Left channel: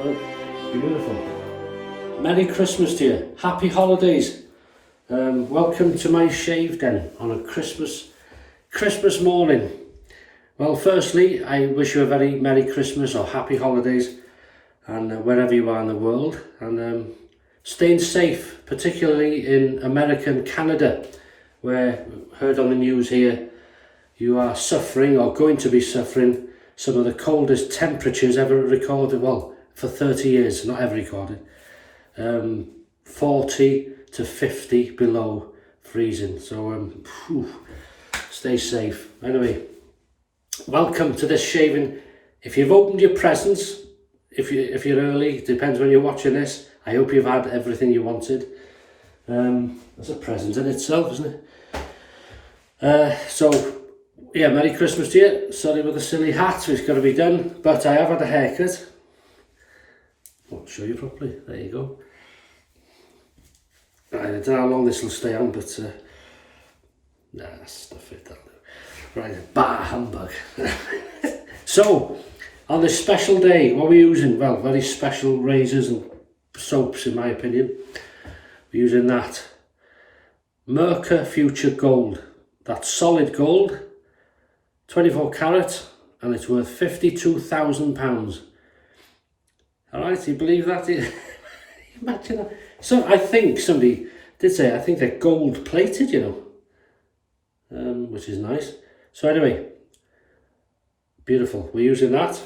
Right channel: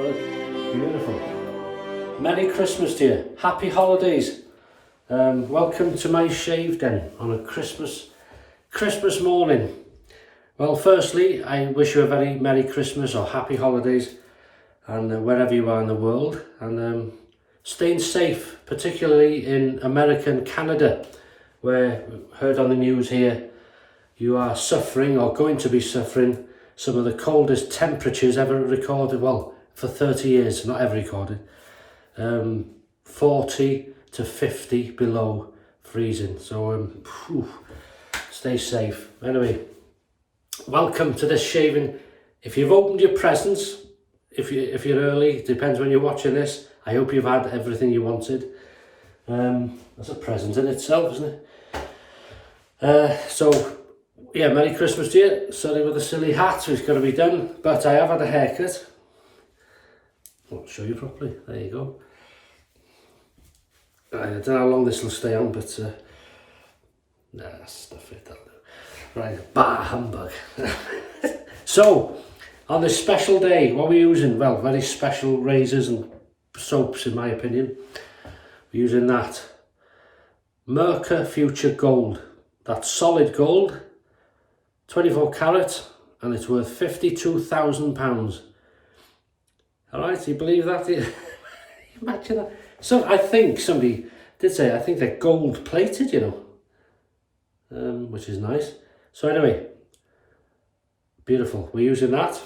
Well, beautiful. Merry Christmas to you. Happy holidays. Welcome to my shave den on a Christmas morning. Well, firstly, I wish you a very Merry Christmas or Happy Holidays, and wherever you are in the world, and staying safe, particularly in America and Canada, where heard on the news here, you are suffering or going to be suffering some of the coldest temperatures ever recorded, well, for 30 years, not ever recorded. 40 to 50 below freezing, so stay safe. Anyway, welcome to this shaving. If you've opened your presents, if you're early, it depends when you're watching this, I hope you've had everything you wanted. That's a present in itself, isn't it? So yeah, Merry Christmas to you. Sorry with the silly hat, it's got to be done, but I have had a haircut. I'll show you properly. There you go. I don't know how long this will stay on, but nah, stuff it, that'll do. Right, bah humbug. So, on this special day, what are we using? Well, very special razors and soaps, in my opinion. We're using that Merkur Futur Gold. That's solid gold, 24 carat, and it's worth £52,000. All right, do you believe that? Imagine that. So I think somebody did say, I think they're gold plated, you know, which is nice. So anyway, beautiful. We're using that.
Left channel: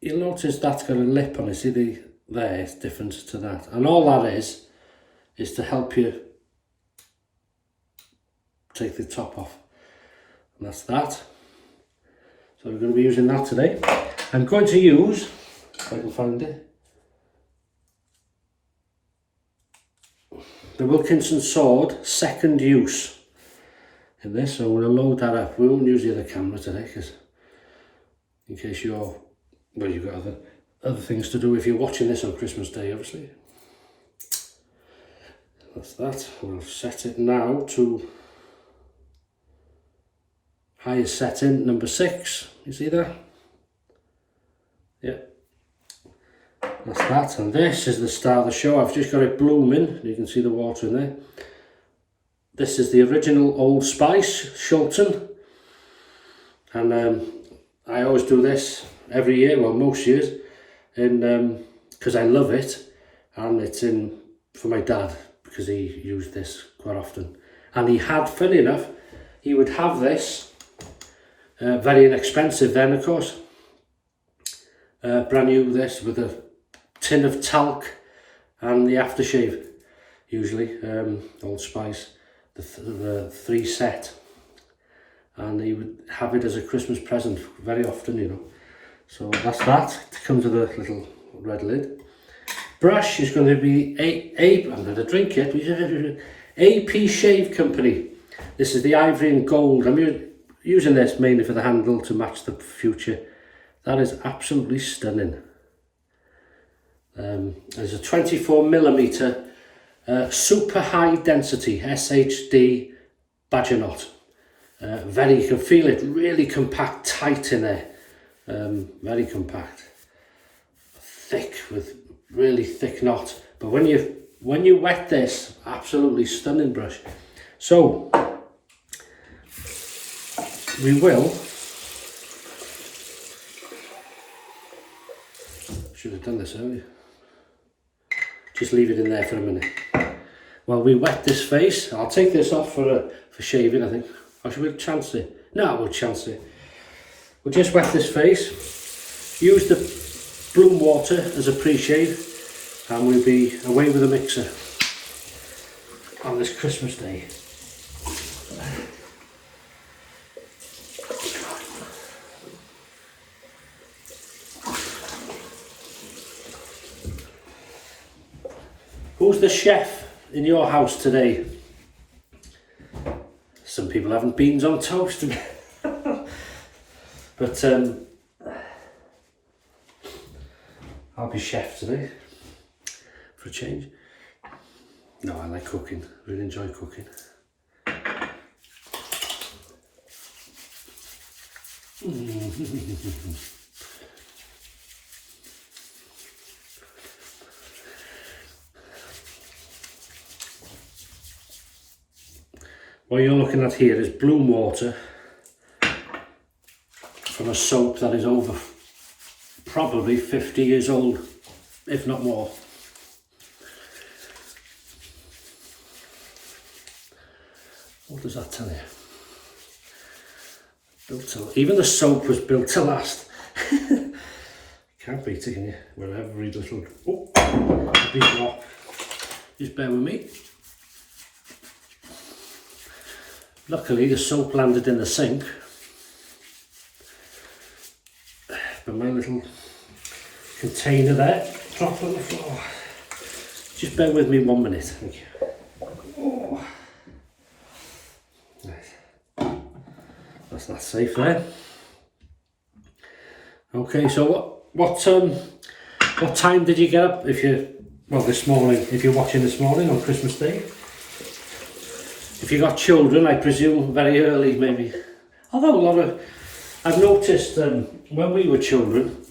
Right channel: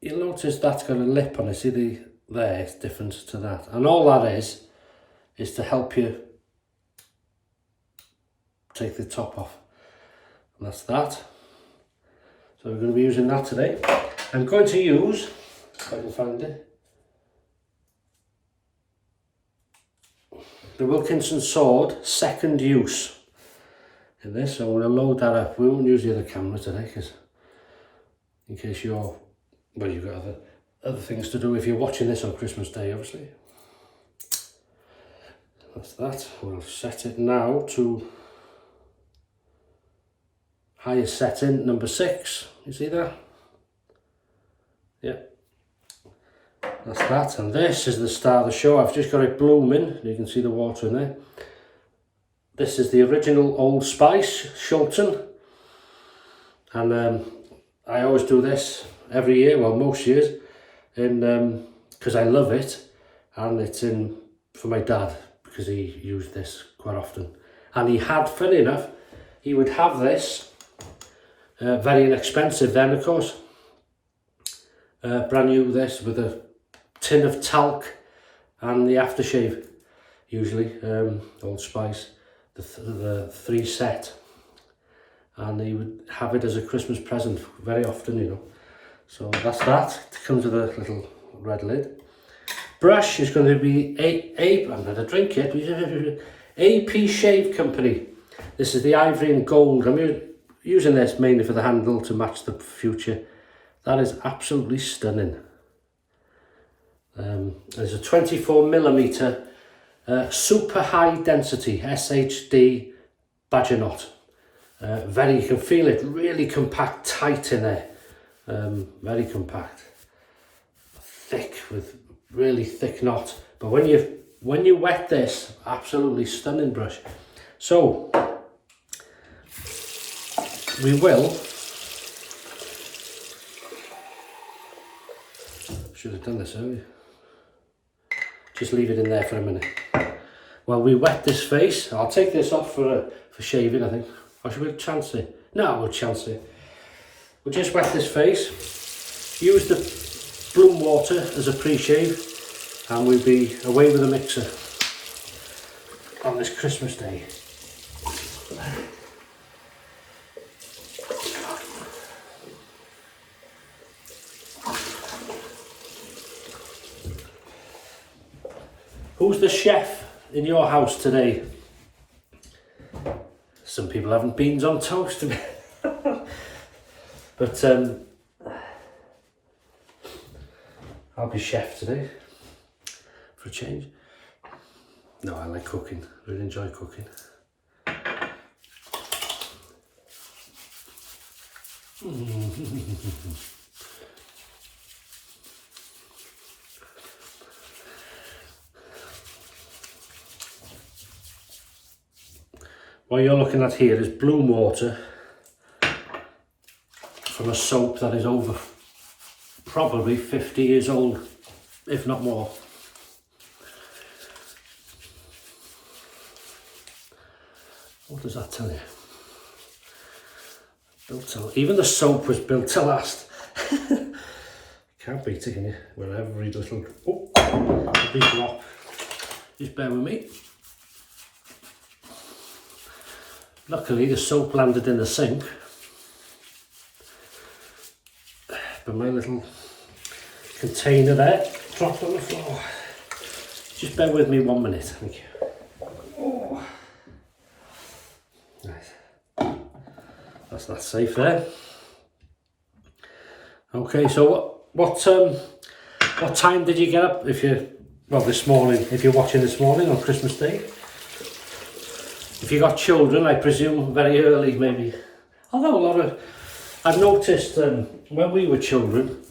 You'll notice that's got a lip on it. See there, it's different to that. And all that is to help you take the top off. And that's that. So we're going to be using that today. I'm going to use, if I can find it, the Wilkinson sword, second use in this. So I'm going to load that up. We won't use the other camera today, because in case you've got other things to do if you're watching this on Christmas Day, obviously. That's that. We'll set it now to highest setting, number 6. You see that? Yeah. That's that, and this is the star of the show. I've just got it blooming. You can see the water in there. This is the original Old Spice, Shulton. And I always do this every year, well, most years, because I love it, and it's in for my dad, because he used this quite often. And he had, funny enough, he would have this, very inexpensive then, of course. Brand new, this, with a tin of talc and the aftershave, usually, Old Spice, the 3 set. And he would have it as a Christmas present very often, you know. So that's that. It comes with a little red lid. Brush is going to be I'm going to drink it. A.P.Shave company. This is the Ivory and Gold. I'm using this mainly for the handle to match the Future. That is absolutely stunning. There's a 24mm super high density SHD badger knot. You can feel it really compact, tight in there. Very compact, thick, with really thick knot. But when you wet this, absolutely stunning brush. So we will. Should have done this earlier. Just leave it in there for a minute. While we wet this face, I'll take this off for shaving, I think. Or should we chance it? No, we'll chance it. We'll just wet this face. Use the bloom water as a pre-shave, and we'll be away with a mixer on this Christmas Day. Who's the chef in your house today? Some people having beans on toast. But I'll be chef today for a change. No, I like cooking. Really enjoy cooking. What you're looking at here is bloom water from a soap that is over probably 50 years old, if not more. What does that tell you? Built to, even the soap was built to last. Can't beat it, can you? With every little, every drop. Just bear with me. Luckily the soap landed in the sink, but my little container there dropped on the floor. Just bear with me 1 minute, thank you. Oh. Right. That's safe there. Okay, so what time did you get up? If you, well, this morning, if you're watching this morning on Christmas Day. If you got children, I presume very early maybe. Although I've noticed when we were children,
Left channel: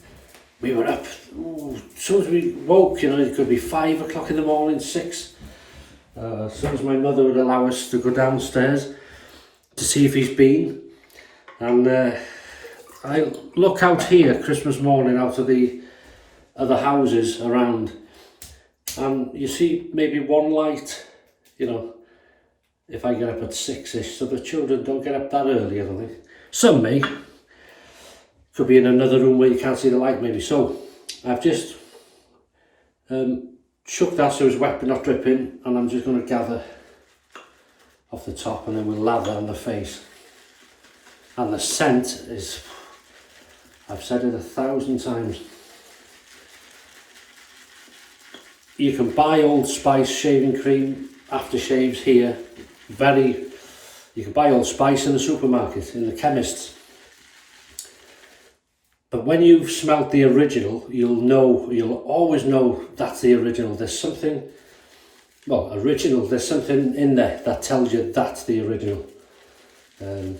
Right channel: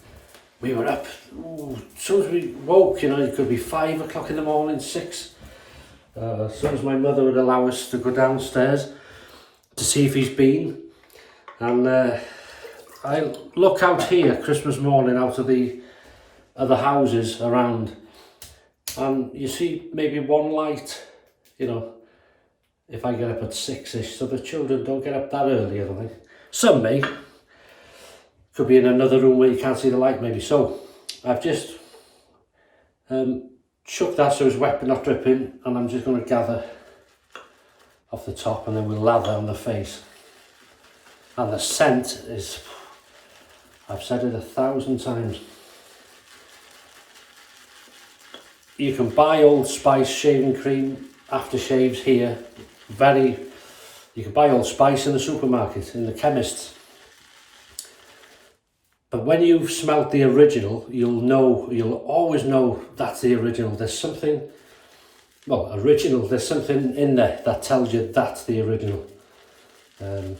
we were up, as soon as we woke, you know, it could be 5 o'clock in the morning, 6. As soon as my mother would allow us to go downstairs to see if he's been. And I look out here Christmas morning out of the other houses around, and you see maybe one light, you know, if I get up at 6ish, so the children don't get up that early, I don't think. Some may. Could be in another room where you can't see the light maybe. So I've just chucked that so it's wet but not dripping, and I'm just going to gather off the top and then we'll lather on the face. And the scent is, I've said it 1,000 times. You can buy Old Spice shaving cream, aftershaves here. You can buy Old Spice in the supermarket, in the chemists. But when you've smelt the original, you'll always know that's the original. There's something, well, there's something in there that tells you that's the original. That'll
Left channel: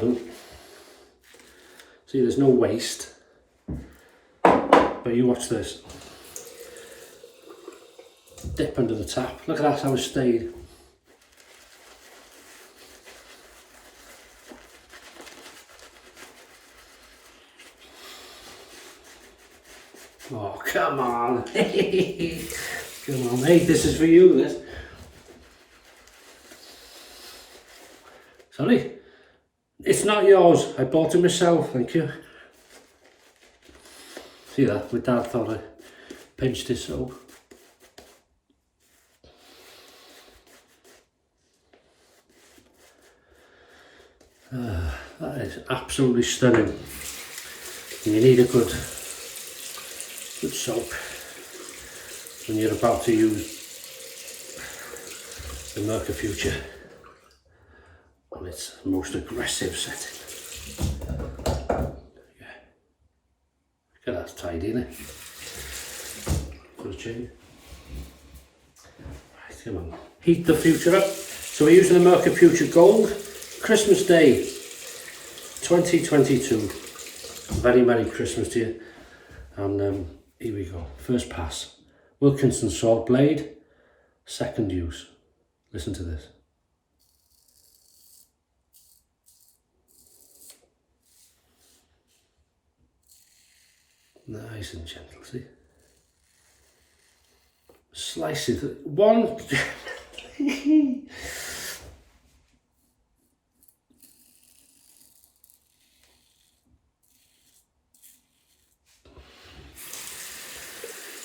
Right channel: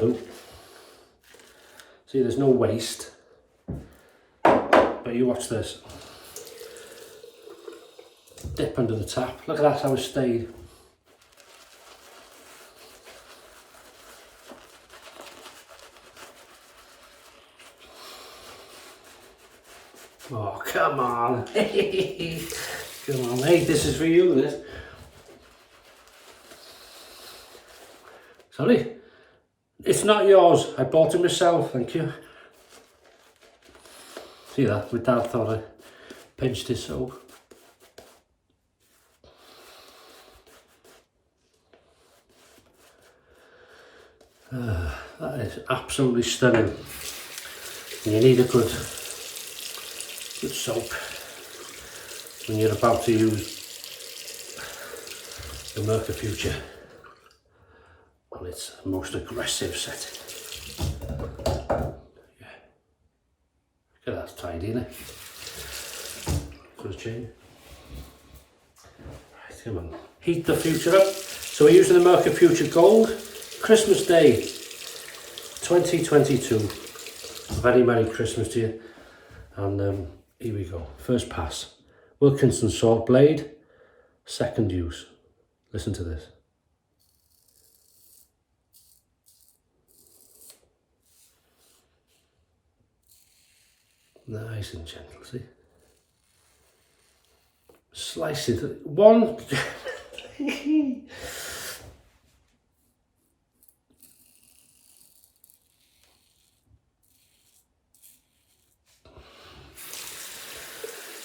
do. See, there's no waste. But you watch this. Dip under the tap. Look at that, how it stayed. Oh, come on. Come on, mate, this is for you, this. Sorry? It's not yours. I bought it myself, thank you. See that? My dad thought I pinched his soap. That is absolutely stunning. And you need a good soap when you're about to use the Merkur Futur on its most aggressive setting. Yeah. Look at that, it's tidy, isn't it? For a change. Right, come on. Heat the Futur up. So we're using the Merkur Futur Gold. Christmas Day 2022. Very Merry Christmas to you. And here we go. First pass. Wilkinson salt blade. Second use. Listen to this. Nice and gentle, see? Slice it. One.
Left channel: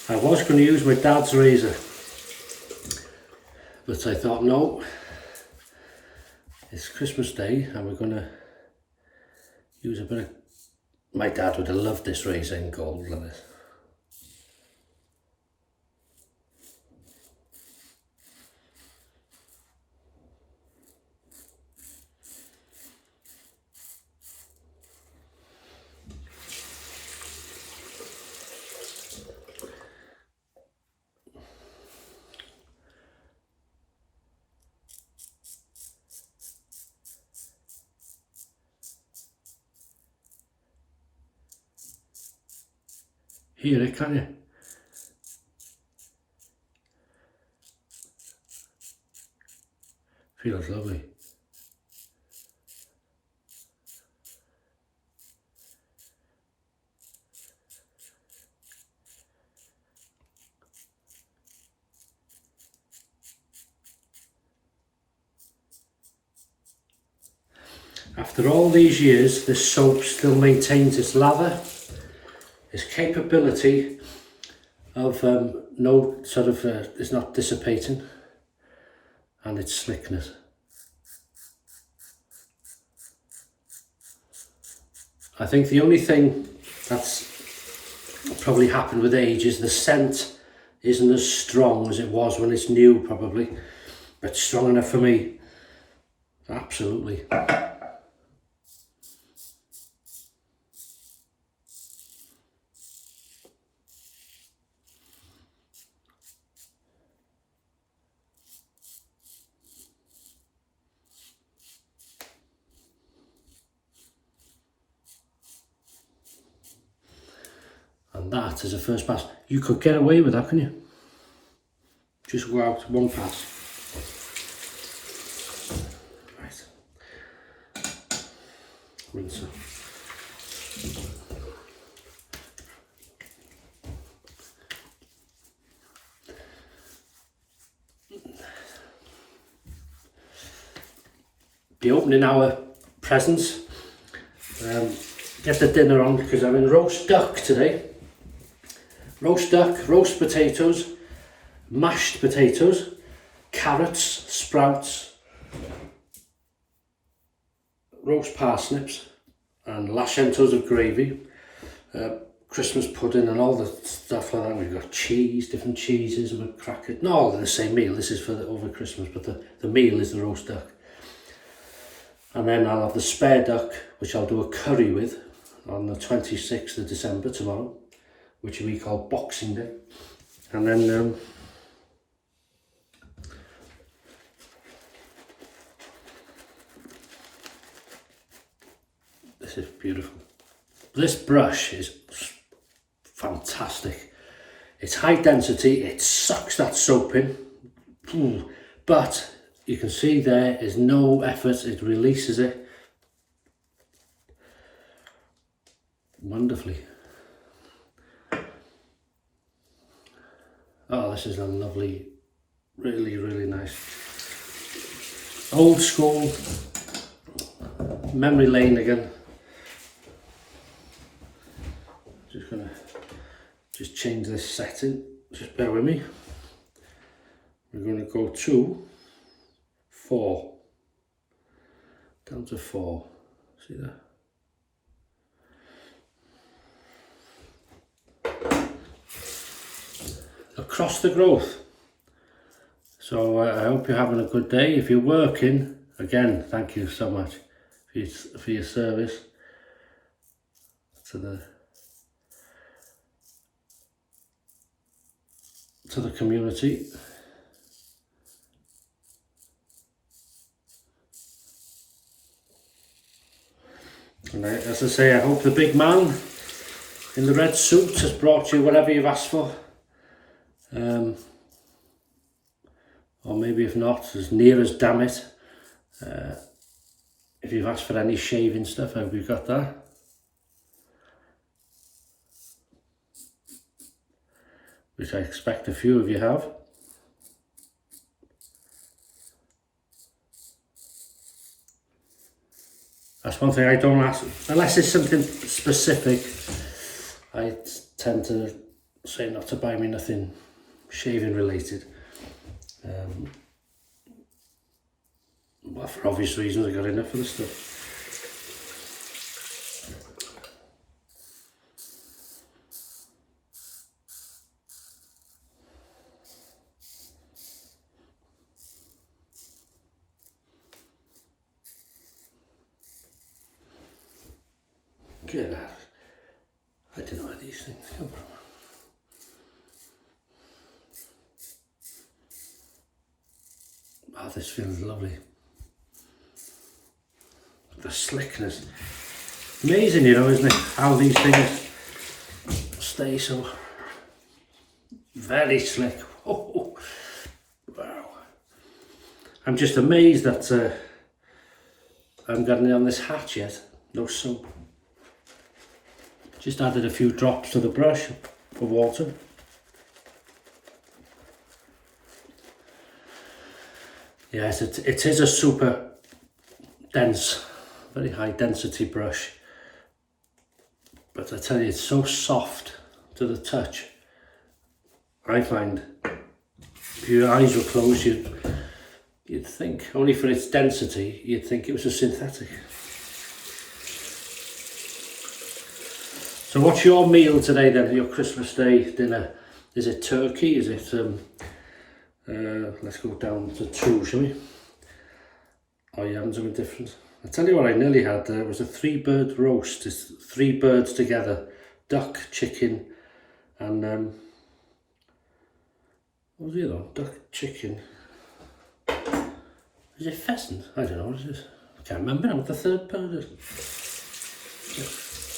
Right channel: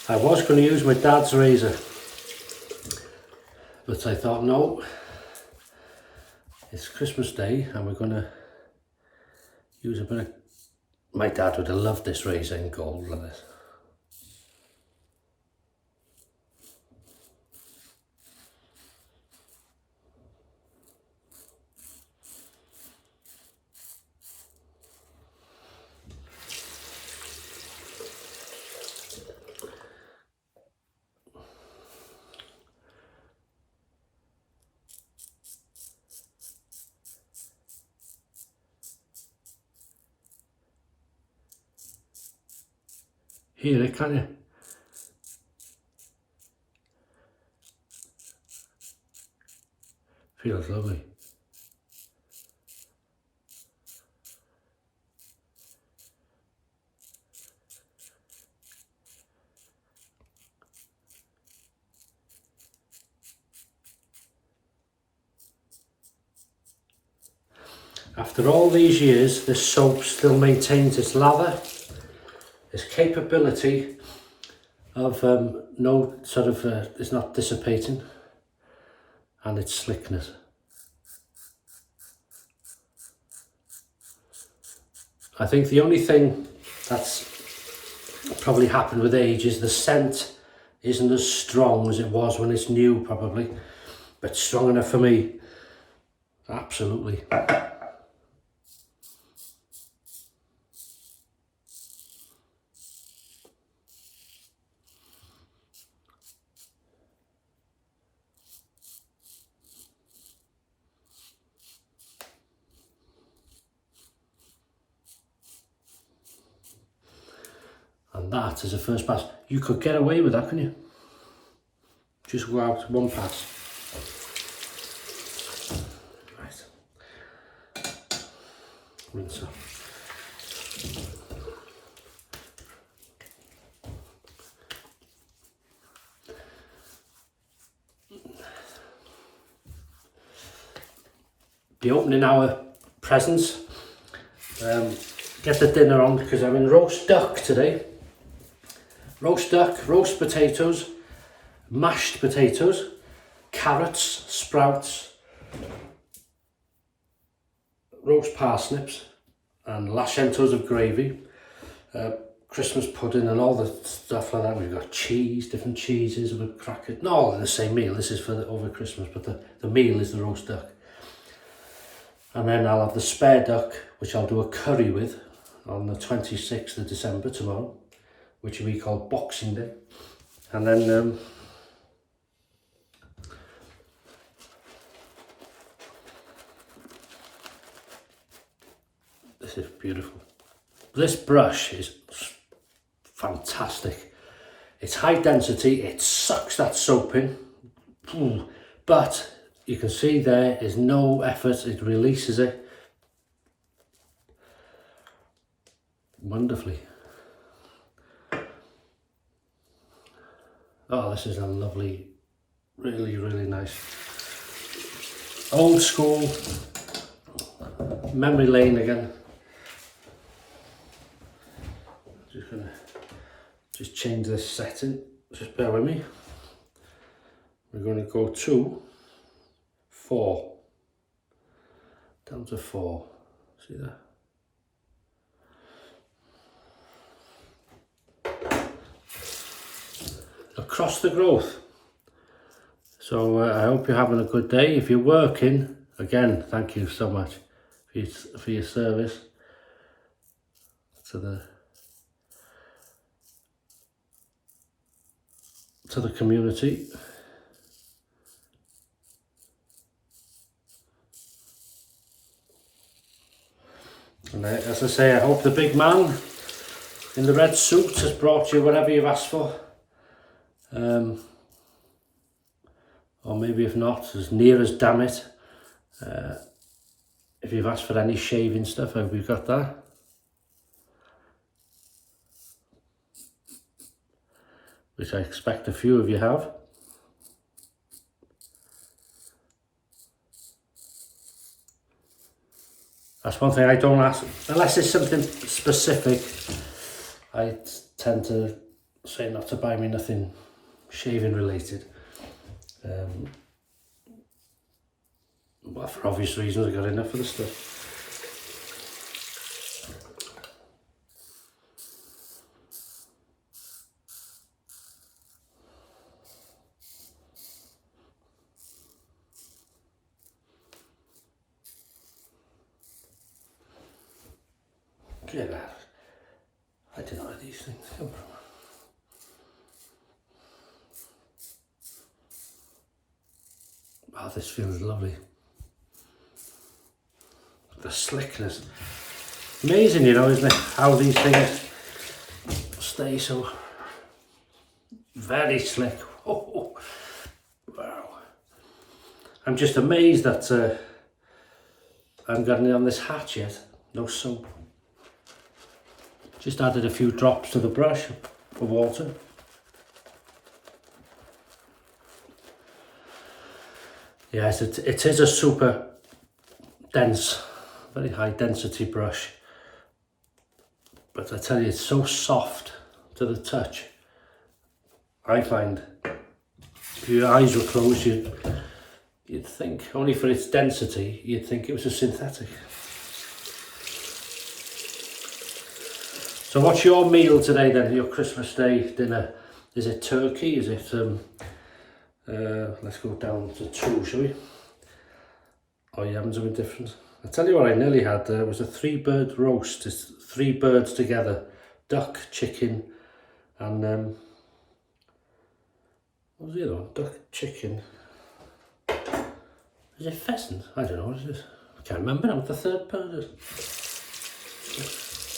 I was going to use my dad's razor, but I thought no, it's Christmas Day and we're going to use a bit of, my dad would have loved this razor in gold like this. Hear it, can't you? Feels lovely. After all these years, this soap still maintains its lather, its capability of no sort of, it's not dissipating, and its slickness. I think the only thing that's probably happened with age is the scent isn't as strong as it was when it's new, probably, but strong enough for me. Absolutely. And that is a first pass. You could get away with that, couldn't you? Just go out one pass. Right. Rinse off. Be opening our presents. Get the dinner on because I'm in roast duck today. Roast duck, roast potatoes, mashed potatoes, carrots, sprouts, roast parsnips and lashentos of gravy, Christmas pudding and all the stuff like that. We've got cheese, different cheeses, with crackers, not all in the same meal. This is for over Christmas, but the meal is the roast duck. And then I'll have the spare duck, which I'll do a curry with on the 26th of December, tomorrow, which we call Boxing Day. And then this is beautiful. This brush is fantastic. It's high density, it sucks that soap in, but you can see there is no effort, it releases it wonderfully. Oh, this is a lovely, really, really nice. Old school, memory lane again. Just gonna change this setting, just bear with me. We're gonna go to 4, down to 4, see that? Across the growth. So I hope you're having a good day. If you're working, again, thank you so much for your service to the community. And as I say, I hope the big man in the red suit has brought you whatever you've asked for. Or maybe if not, as near as damn it. If you've asked for any shaving stuff, I hope you've got that. Which I expect a few of you have. That's one thing I don't ask, unless it's something specific. I tend to say not to buy me nothing shaving related. Well, for obvious reasons, I got enough of the stuff. Get out. I don't know where these things come from. Oh, this feels lovely. The slickness. Amazing, you know, isn't it? How these things stay so very slick. Oh, wow. I'm just amazed that I haven't got any on this hat yet. No soap. Just added a few drops to the brush for water. Yes, it is a super dense, very high density brush. But I tell you, it's so soft to the touch. I find if your eyes were closed, you'd think, only for its density, you'd think it was a synthetic. So what's your meal today then, your Christmas Day dinner? Is it turkey? Is it, let's go down to 2, shall we? Oh, you having something different? I tell you what I nearly had, it was a 3-bird roast. It's 3 birds together, duck, chicken, and what was the other one? Duck, chicken. Is it pheasant? I don't know, what is it? I can't remember now what the 3rd bird is.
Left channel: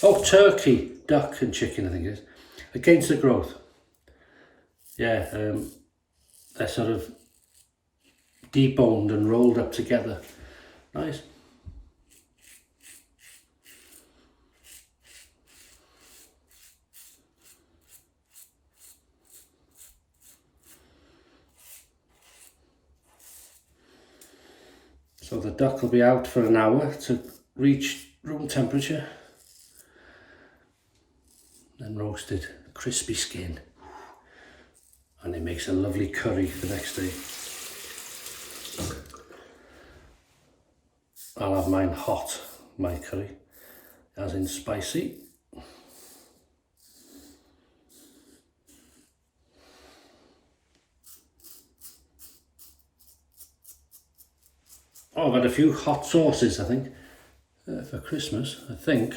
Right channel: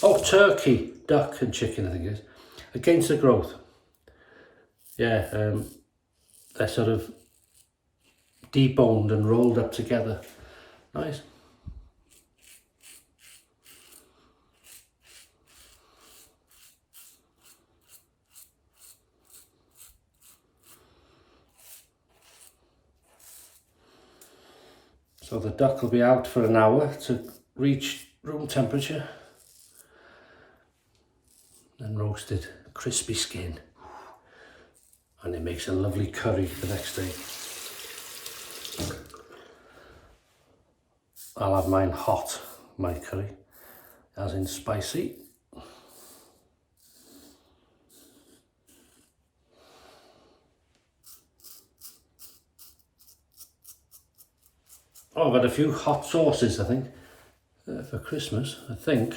Oh, turkey, duck and chicken I think it is. Against the growth. Yeah, they're sort of deboned and rolled up together. Nice. So the duck will be out for an hour to reach room temperature. Then roasted, crispy skin. And it makes a lovely curry the next day. I'll have mine hot, my curry, as in spicy. Oh, I've had a few hot sauces, I think, for Christmas, I think.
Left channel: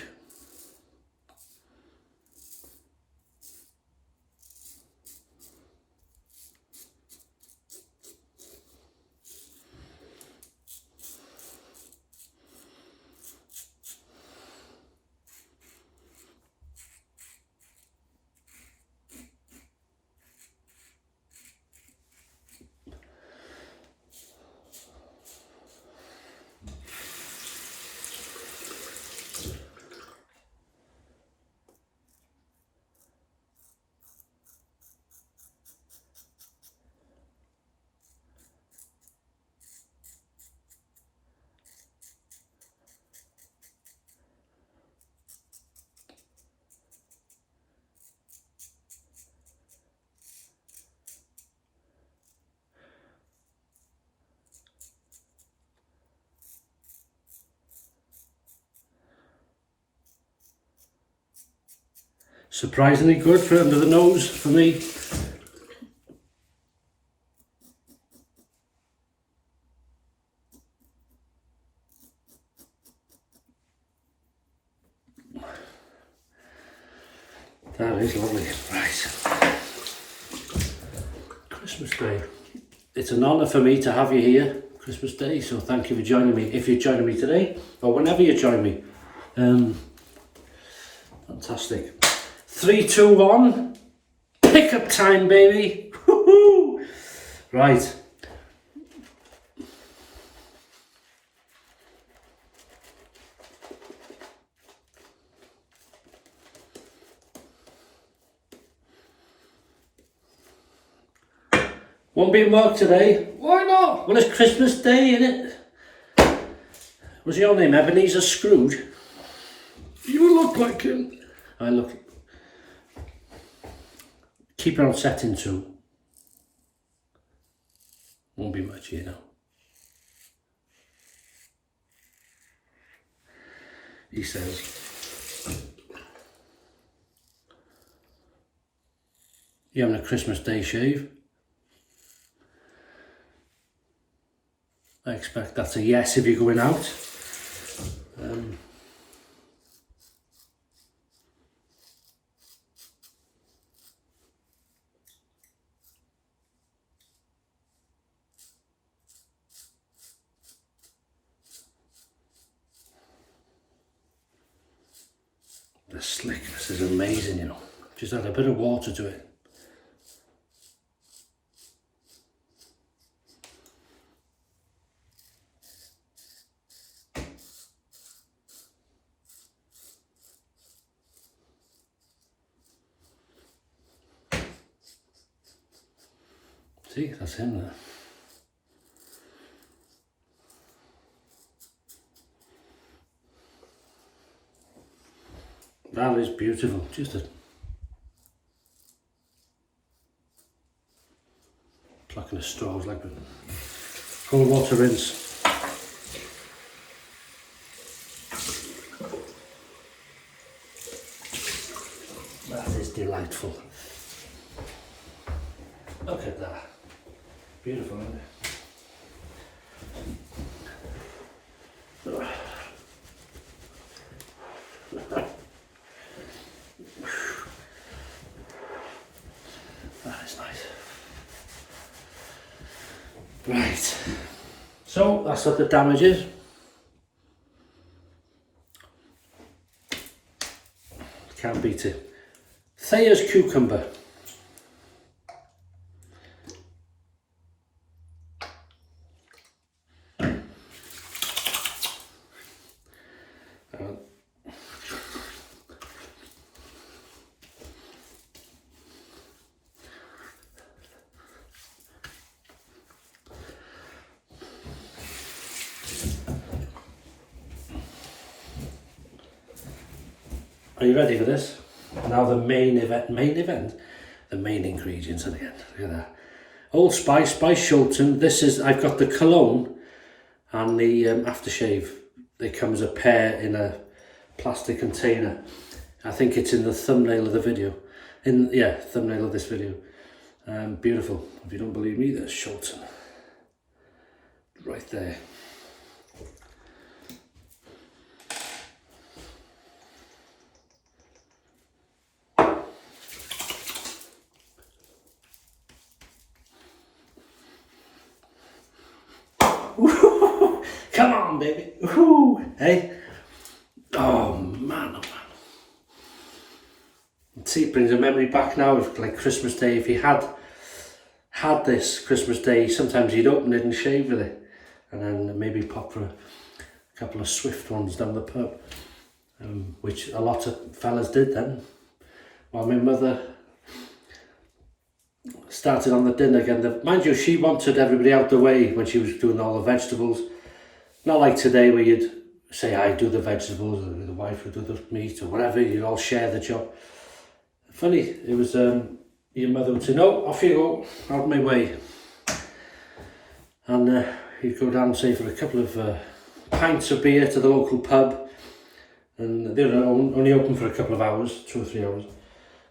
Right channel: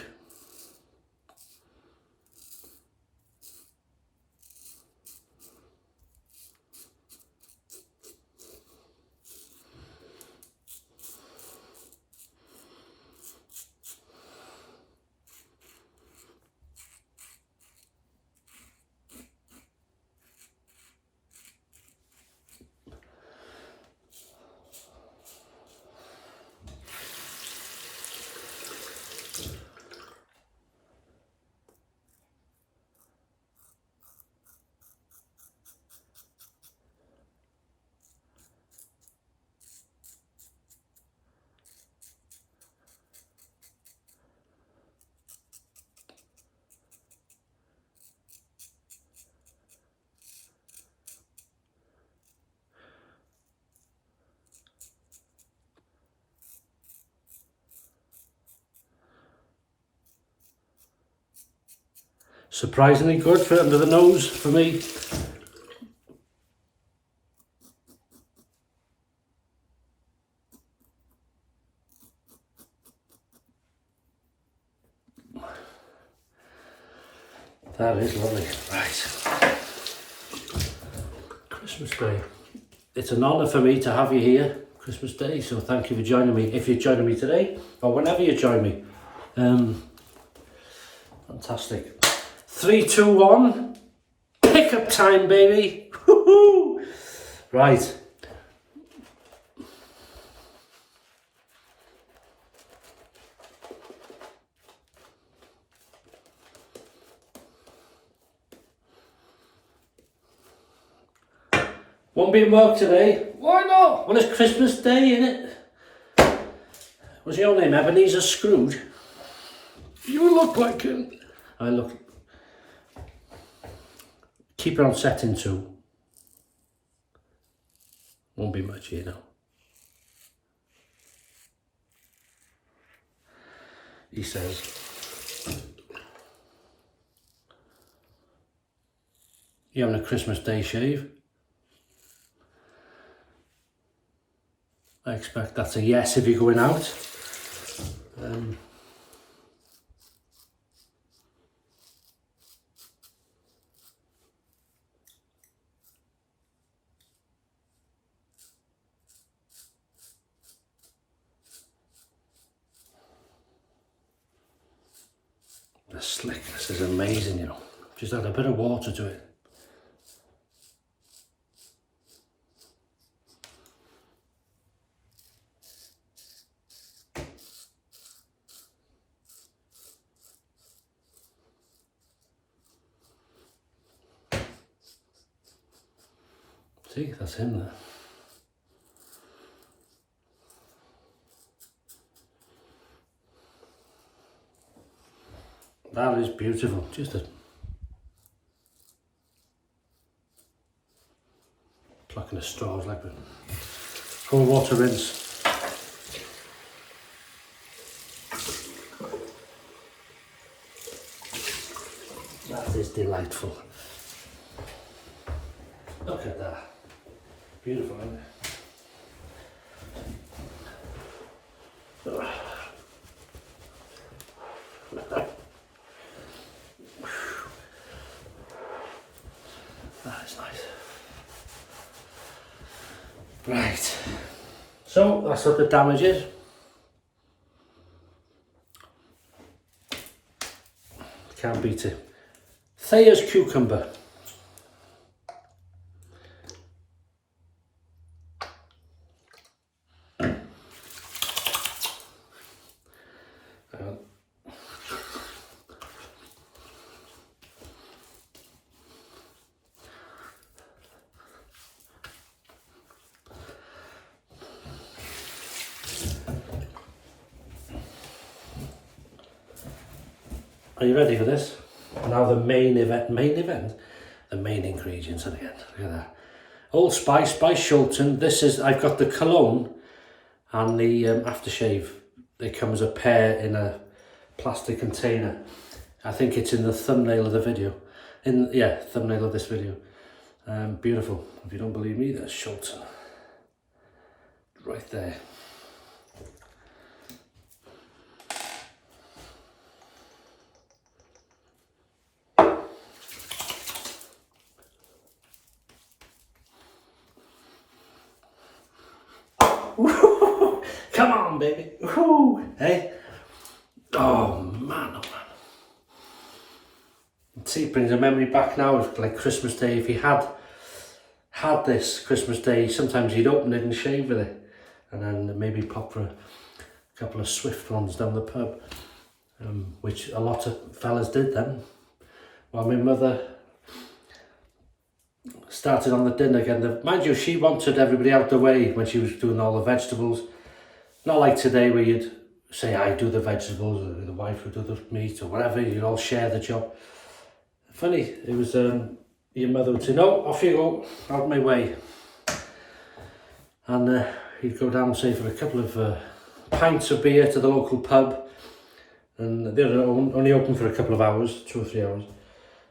Surprisingly good for under the nose for me. That is lovely. Right. Christmas Day. It's an honour for me to have you here, Christmas Day, so thank you for joining me. If you're joining me today, or whenever you join me. Fantastic. 3, 2, 1. Pickup time, baby. Woohoo! Right. Won't be in work today. Why not? Well, it's Christmas Day, isn't it? Was your name Ebenezer Scrooge? You look like him. I look. Keep it on setting 2. Won't be much, you know. He says. You having a Christmas Day shave? I expect that's a yes if you're going out. The slickness is amazing, you know. Just add a bit of water to it. See, that's him there. That is beautiful. Just a plucking the straws like a cold water rinse. That is delightful. Look at that. Beautiful, isn't it? That is nice. Right. So that's what the damage is. Can't beat it. Thayer's cucumber. Are you ready for this? Now the main ingredients at the end. Look at that. Old Spice by Shulton. This is, I've got the cologne and the aftershave. They come as a pair in a plastic container. I think it's in the thumbnail of the video. Thumbnail of this video. Beautiful. If you don't believe me, there's Shulton. Right there. Come on, baby. Woo. Hey. Oh man, oh man. See, it brings a memory back now of like Christmas Day. If you had this Christmas Day, sometimes you'd open it and shave with it, and then maybe pop for a couple of swift ones down the pub, which a lot of fellas did then. While my mother started on the dinner again. Mind you, she wanted everybody out the way when she was doing all the vegetables. Not like today where you'd say, I do the vegetables, or the wife would do the meat, or whatever, you'd all share the job. Funny, it was your mother would say, no, off you go, out of my way. And he'd go down, say, for a couple of pints of beer to the local pub. And they were only open for a couple of hours, 2 or 3 hours.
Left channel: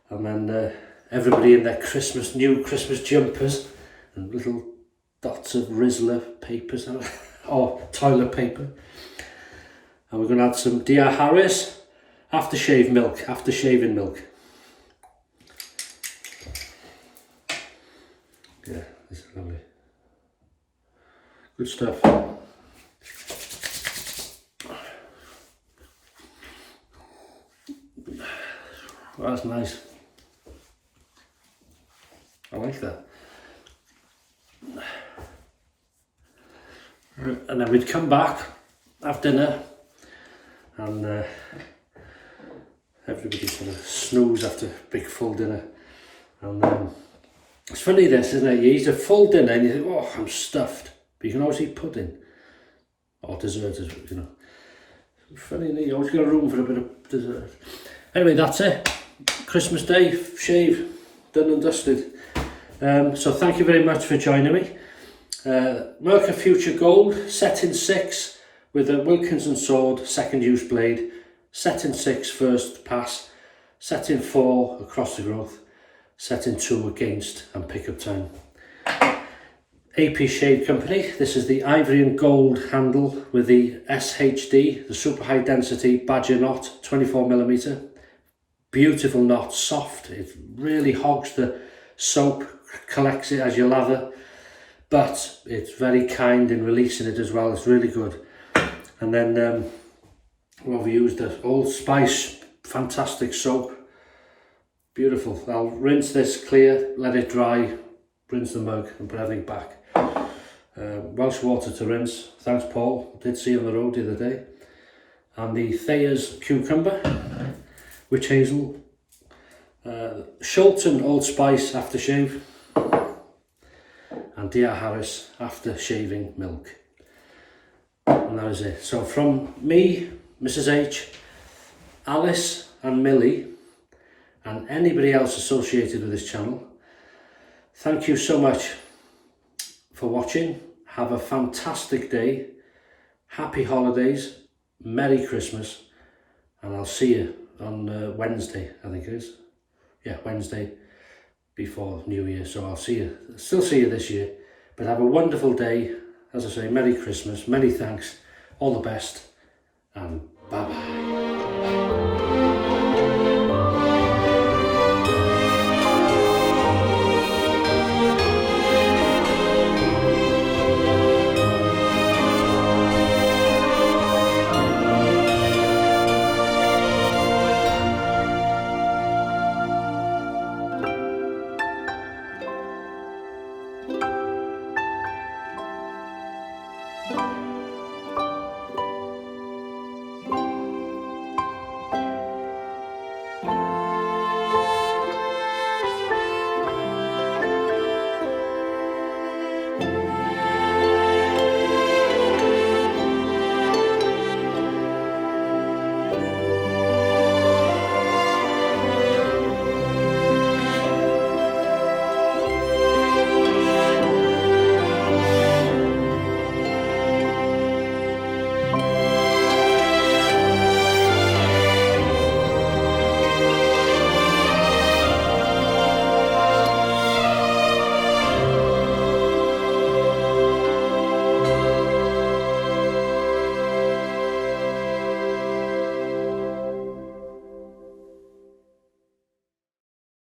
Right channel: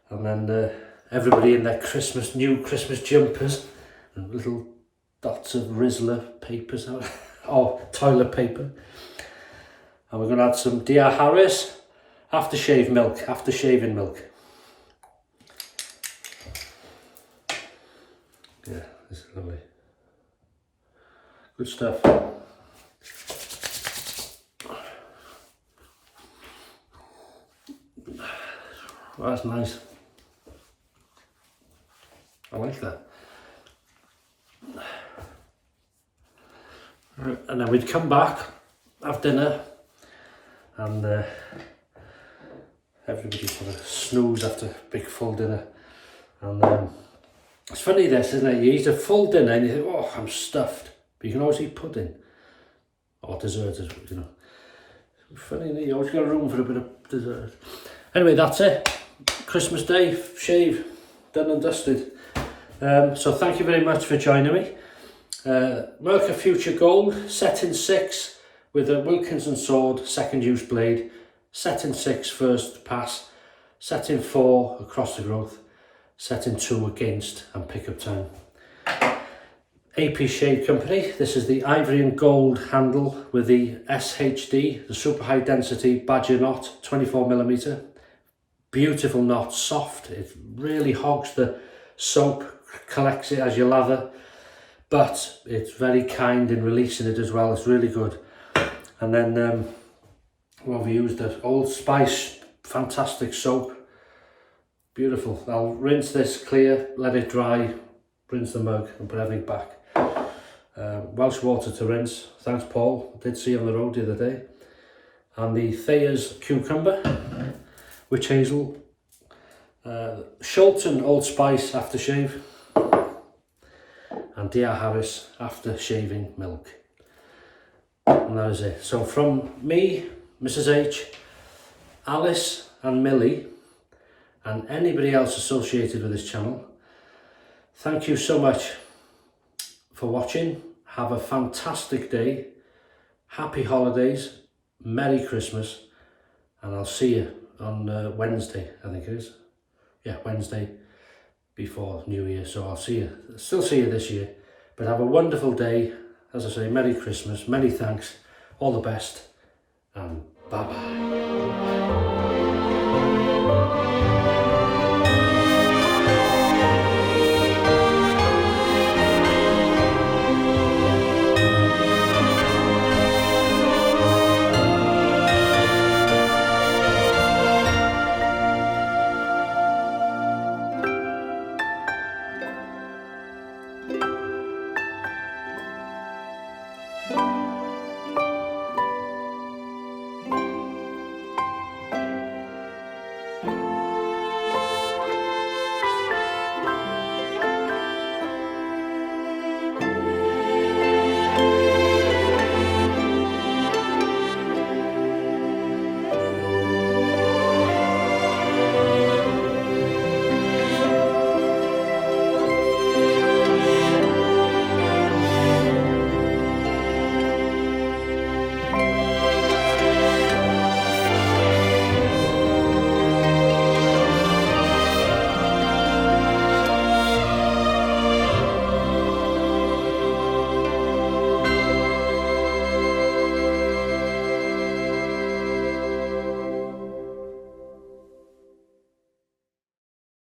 And then everybody in their new Christmas jumpers and little dots of Rizzler papers out. Or toilet paper. And we're going to add some D.R.Harris aftershave milk, aftershaving milk. Yeah, this is lovely. Good stuff. Well, that's nice. I like that. And then we'd come back, have dinner, and everybody sort of snooze after a big full dinner. And it's funny this, isn't it? You eat a full dinner and you think, oh, I'm stuffed. But you can always eat pudding or dessert, you know. It's funny, you always got room for a bit of dessert. Anyway, that's it. Christmas Day, shave, done and dusted. So thank you very much for joining me. Merkur Future Gold, set in 6 with a Wilkinson sword, second use blade, set in 6 first pass, set in 4 across the growth, set in 2 against and pickup time. A.P.Shave company, this is the ivory and gold handle with the SHD, the super high density badger knot, 24mm. Beautiful knot, soft, it really hogs the soap, collects it as you lather. But it's very kind in releasing it as well. It's really good. And then well, we used the Old Spice, fantastic soap. Beautiful. I'll rinse this clear, let it dry, rinse the mug and put everything back. Welsh water to rinse. Thanks, Paul. Did see you on the road the other day. And the Thayer's cucumber, witch hazel. Shulton Old Spice aftershave. and D.R.Harris Aftershaving Milk. And that is it. So from me, Mrs H, Alice and Millie, and anybody else associated with this channel, thank you so much for watching. Have a fantastic day, happy holidays, Merry Christmas, and I'll see you on Wednesday, I think it is. Yeah, Wednesday before New Year, so I'll still see you this year. But have a wonderful day. As I say, Merry Christmas, many thanks, all the best, and bye-bye.